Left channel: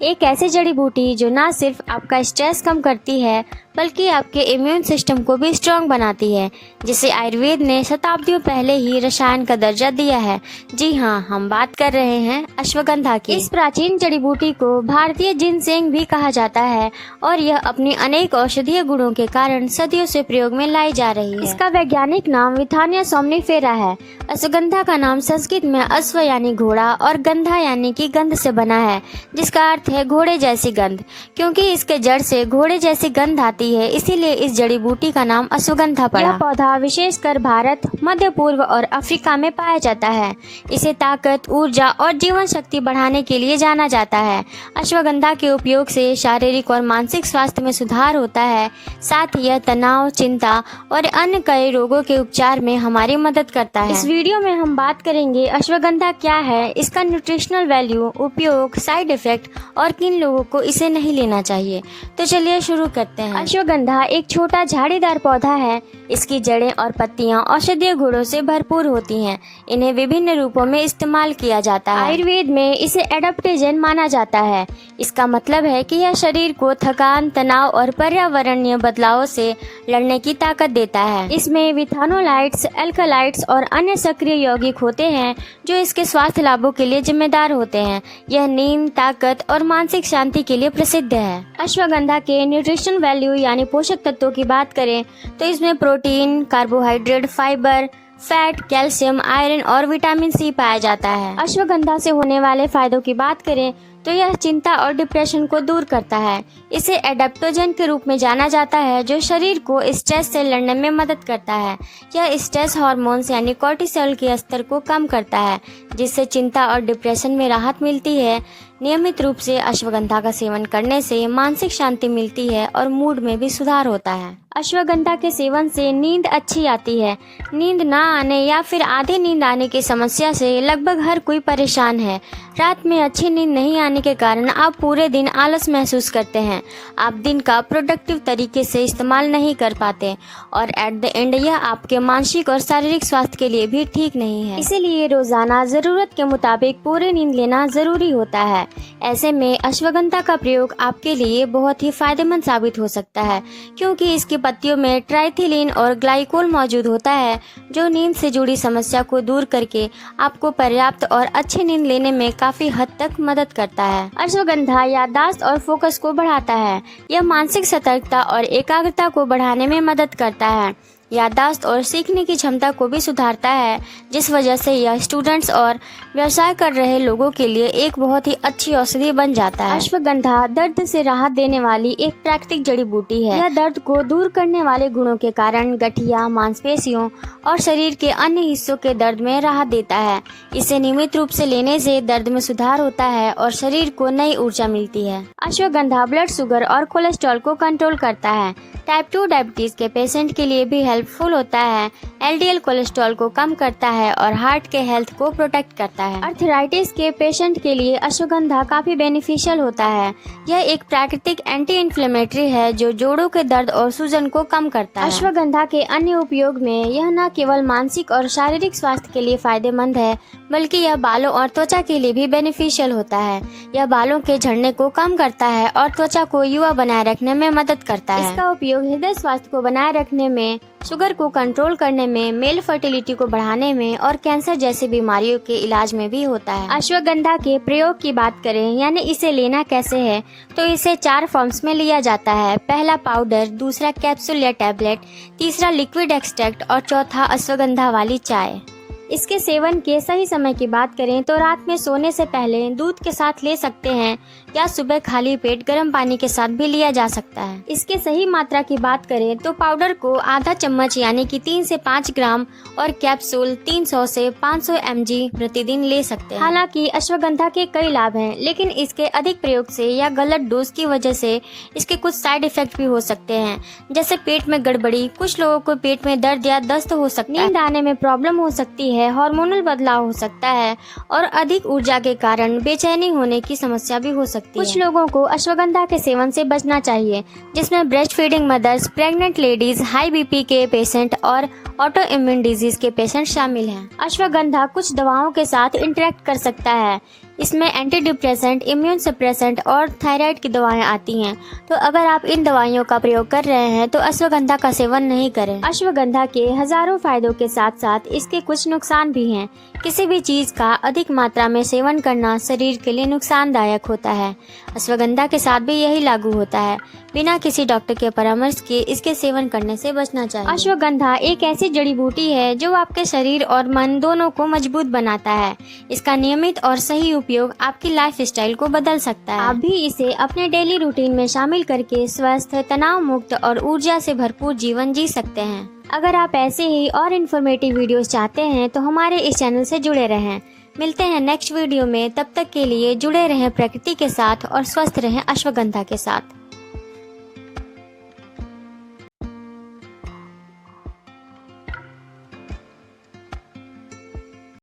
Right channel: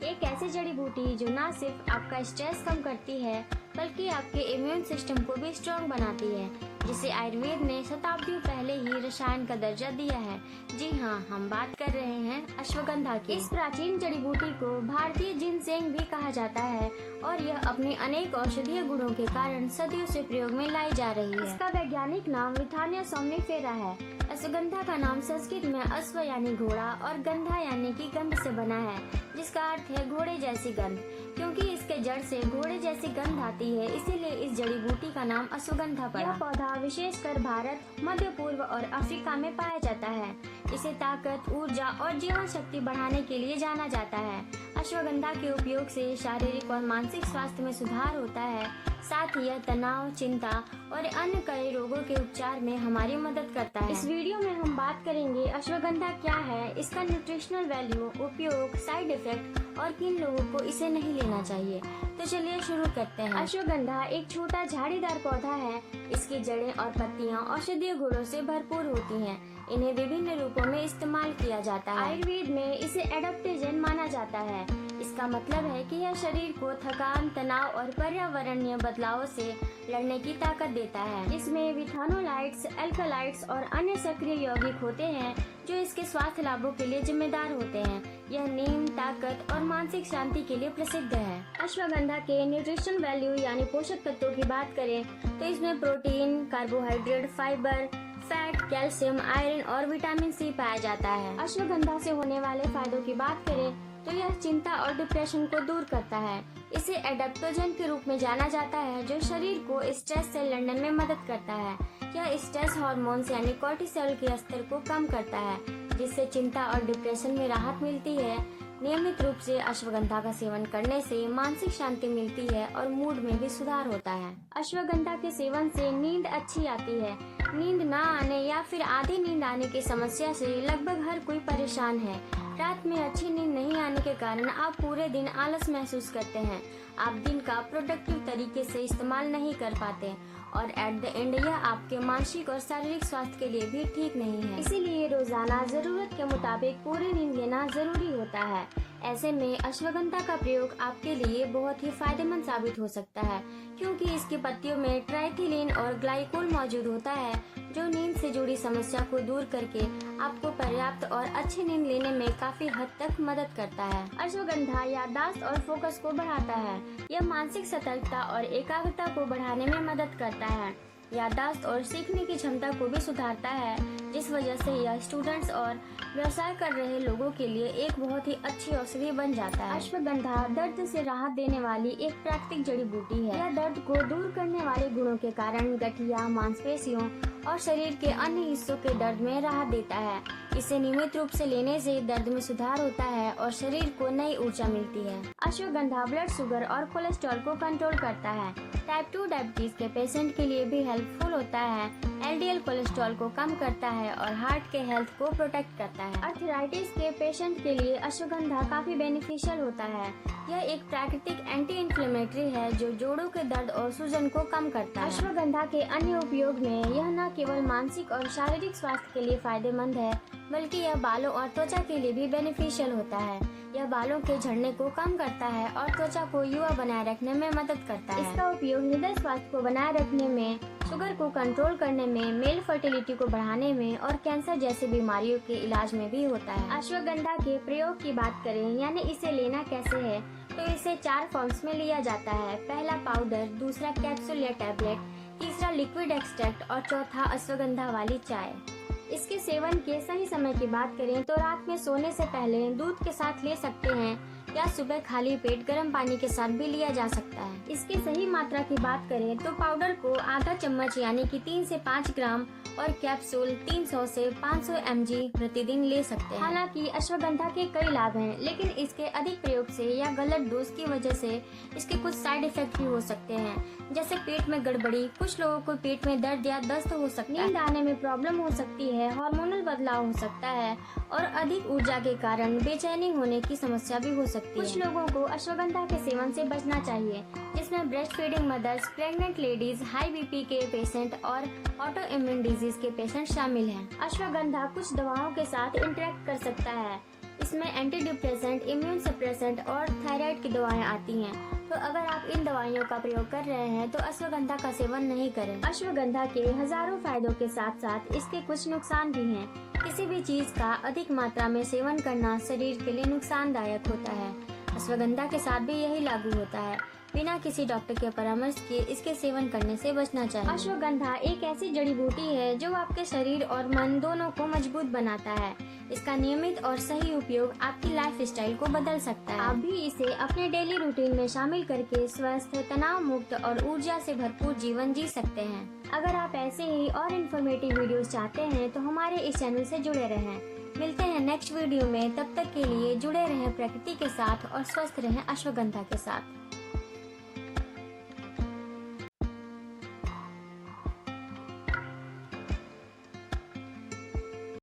एक ऐसी जड़ी बूटी जो ना सिर्फ आपका स्ट्रेस कम करती है बल्कि आपके इम्यून सिस्टम को भी स्ट्रांग बनाती है, जिसे आयुर्वेद ने शताब्दियों पहले ही रसायन का दर्जा दिया है। जी हाँ, हम बात कर रहे हैं अश्वगंधा की। इस प्राचीन जड़ी बूटी को भारतीय जिनसेंग भी कहा जाता है और यह अपनी अनेक औषधीय गुणों के कारण सदियों से प्रयोग में लाई जा रही है। इसका वैज्ञानिक नाम विथानिया सोमनिफेरा है। अश्वगंधा का नाम संस्कृत में अश्व यानी घोड़ा और गंधा यानी कि गंध से बना है, जिसका अर्थ है घोड़े जैसी गंध। क्योंकि इसके जड़ से घोड़े जैसी गंध आती है, इसीलिए इस जड़ी बूटी का नाम अश्वगंधा पड़ा। यह पौधा विशेषकर भारत, मध्य पूर्व और अफ्रीका में पाया जाता है। इसे ताकत, ऊर्जा और जीवन शक्ति बढ़ाने के लिए जाना जाता है। अश्वगंधा के उपयोग से शारीरिक और मानसिक स्वास्थ्य में सुधार होता है। साथ ही यह तनाव, चिंता और अन्य कई रोगों के उपचार में हमारी मदद करता है। इस वीडियो में हम बात करेंगे अश्वगंधा क्या है, इसका न्यूट्रिशनल वैल्यू, उपयोग, साइड इफेक्ट और किन लोगों को इसे नहीं लेना चाहिए। तो चलिए शुरू करते हैं। अश्वगंधा एक छोटा झाड़ीदार पौधा है। इसकी जड़ें और पत्तियां औषधीय गुणों से भरपूर होती हैं। इन्हें विभिन्न रूपों में इस्तेमाल किया जाता है। आयुर्वेद में इसे एडाप्टोजेन माना जाता है। इसका मतलब है कि यह शरीर को थकान, तनाव और पर्यावरणीय बदलावों से लड़ने की ताकत देता है। इसमें विथानोलाइट्स, एल्कलाइट्स और अन्य सक्रिय यौगिक होते हैं जो इसके स्वास्थ्य लाभों के लिए जिम्मेदार होते हैं। यह नींद, ताकत और मानसिक शांति के लिए प्रसिद्ध है। अश्वगंधा के न्यूट्रिशन वैल्यू यानी पोषक तत्वों की बात करें तो इसमें protein, carbohydrate, fibre, fat, calcium, iron और विटामिन सी पाया जाता है। अश्वगंधा से होने वाले फायदों की बात करें तो यह चिंता और डिप्रेशन को दूर करता है। इसे एडाप्टोजेन के रूप में जाना जाता है जो शरीर को स्ट्रेस से लड़ने में मदद करता है। यह स्ट्रेस हार्मोन्स यानी कोर्टिसोल के स्तर को कम करता है, जिससे चिंता और डिप्रेशन में राहत मिलती है। नियमित रूप से अश्वगंधा का सेवन करने से मानसिक शांति मिलती है और मूड में भी सुधार होता है। अश्वगंधा के सेवन से नींद अच्छी आती है। नींद ना आने या फिर आधी नींद आने की समस्या से लगभग हर कोई परेशान है। रात में अच्छी नींद नहीं आने के कारण आप पूरे दिन आलस महसूस करते हैं। आप दिन का प्रोडक्टिव तरीके से इस्तेमाल नहीं कर पाते और एट द एंड यह आपके मानसिक और शारीरिक स्वास्थ्य के लिए भी ठीक नहीं है। इसीलिए रोजाना जरूरत के मुताबिक पूरी नींद लेना जरूरी होता है। ऐसे में अश्वगंधा का प्रयोग आपके लिए बहुत ही फायदेमंद साबित हो सकता है, क्योंकि इसकी पत्तियों में ट्राइथिलीन और ग्लाइकोल मौजूद होता है जो नींद से जुड़ी समस्या को दूर करके आपको पर्याप्त और अच्छी नींद लेने में काफी हद तक मदद करता है। अश्वगंधा याददाश्त और फोकस को बढ़ाता है। यह मानसिक सतर्कता और एकाग्रता को बढ़ाने में मदद करता है। याददाश्त और सीखने की क्षमता को भी सुधारता है, जिस वजह से यह स्टूडेंट्स और व्यवसाय कर रहे लोगों के लिए एक बहुत ही अच्छी औषधि बन जाता है। अश्वगंधा दर्द से राहत देने वाली एक प्राकृतिक जड़ी बूटी है। यह दर्द को दूर करने वाले गुणों के कारण गठिया, मांसपेशियों और शरीर के अन्य हिस्सों के दर्द में राहत देता है। इसे नियमित रूप से लेने से दर्द में सुधार होता है और शरीर को नई ऊर्जा मिलती है। अश्वगंधा ब्लड शुगर और कोलेस्ट्रॉल को कंट्रोल करता है। टाइप 2 डायबिटीज के पेशेंट के लिए भी हेल्पफुल होता है। एलडीएल कोलेस्ट्रॉल को कम करता है और हार्ट के हेल्थ को प्रोटेक्ट करता है। आर्थराइटिस के पेशेंट के लिए अश्वगंधा काफी बेनिफिशियल होता है। यह एक प्राकृतिक एंटी इन्फ्लेमेटरी है जो जोड़ों के दर्द और सूजन को कम करता है। अश्वगंधा के अन्य उपयोग में यह न केवल मानसिक और शारीरिक स्वास्थ्य के लिए फायदेमंद है, बल्कि यह बालों और त्वचा के लिए भी बेनिफिशियल होता है। यह बालों के झड़ने को कम करता है और त्वचा को युवा बनाए रखने में मदद करता है। इसका उपयोग हृदय स्वास्थ्य को बनाए रखने में, शुगर को कंट्रोल करने में, मेल फर्टिलिटी को बढ़ाने में और कैंसर जैसी बीमारियों के इलाज में भी होता है। अश्वगंधा के प्रयोग की बात करें यानी इसे लेना कैसे है, तो इसे 4 फॉर्म्स में लिया जाता है। पहला पाउडर, दूसरा कैप्सूल या टैबलेट, तीसरा लिक्विड एक्सट्रैक्ट और चौथा अश्वगंधा वाली चाय। इसके सेवन के सही समय की बात करें तो रात में सोने से पहले दूध के साथ ले सकते हैं या सुबह खाली पेट गर्म पानी के साथ भी लिया जा सकता है। इसके सही मात्रा की बात करें तो पाउडर को आधा चम्मच यानी कि 3 से 5 ग्राम और कैप्सूल 300 से 500 mg प्रतिदिन ले सकते हैं। हालांकि अश्वगंधा के कई लाभ हैं, लेकिन इसके अधिक प्रयोग से या गलत डोज की वजह से इसके कुछ साइड इफेक्ट भी हो सकते हैं, जैसे पेट में गड़बड़ी, कुछ लोगों को पेट में दर्द या दस्त हो सकता है, नींद आने में प्रॉब्लम हो सकती है, हार्मोनल बदलाव हो सकता है और अधिक ऊर्जा के कारण बेचैनी होने की समस्या भी हो सकती है। कुछ लोगों को अश्वगंधा के सेवन से बचना चाहिए, जिसमें breast feeding mother's, pregnant ladies, high BP के पेशेंट और ऑटो इम्यून डिजीज के पेशेंट शामिल हैं। अश्वगंधा कुछ दवाओं के साथ इंटरेक्ट कर सकता है। इसमें एंटी डिप्रेसेंट, इम्यून सप्रेसेंट और थायराइड की दवाएं आती हैं। तो अगर आप इन दवाइयों का प्रयोग कर रहे हैं तो अश्वगंधा का सेवन नहीं करें। अश्वगंधा के हजारों फायदों के साथ साथ इसके कुछ नुकसान भी हैं। किसी भी चीज का अधिक मात्रा में सेवन करना शरीर के लिए नुकसानदायक होता है। अश्वगंधा के साथ भी यही लागू होता है। बिना किसी डॉक्टर के परामर्श के इसके सेवन करने से बचना चाहिए। अश्वगंधा एक ऐसी जड़ी बूटी है जो आपके शरीर और मन दोनों को मजबूत बनाता है। इसका नियमित और सही उपयोग आपकी लाइफ स्टाइल को बदल सकता है। आप भी इसे अपने डेली रूटीन में शामिल करके स्वस्थ, तनाव मुक्त और ऊर्जा से भरपूर जीवन जी सकते हैं। अगर आप ऐसे ही और इन्फॉर्मेटिव वीडियोस चाहते हैं तो हमारे इस चैनल से जुड़े रहें। मिलते हैं नेक्स्ट वीडियो में, तब तक के लिए जुड़े रहें प्रकृति के साथ और स्वस्थ रहें अश्वगंधा के साथ।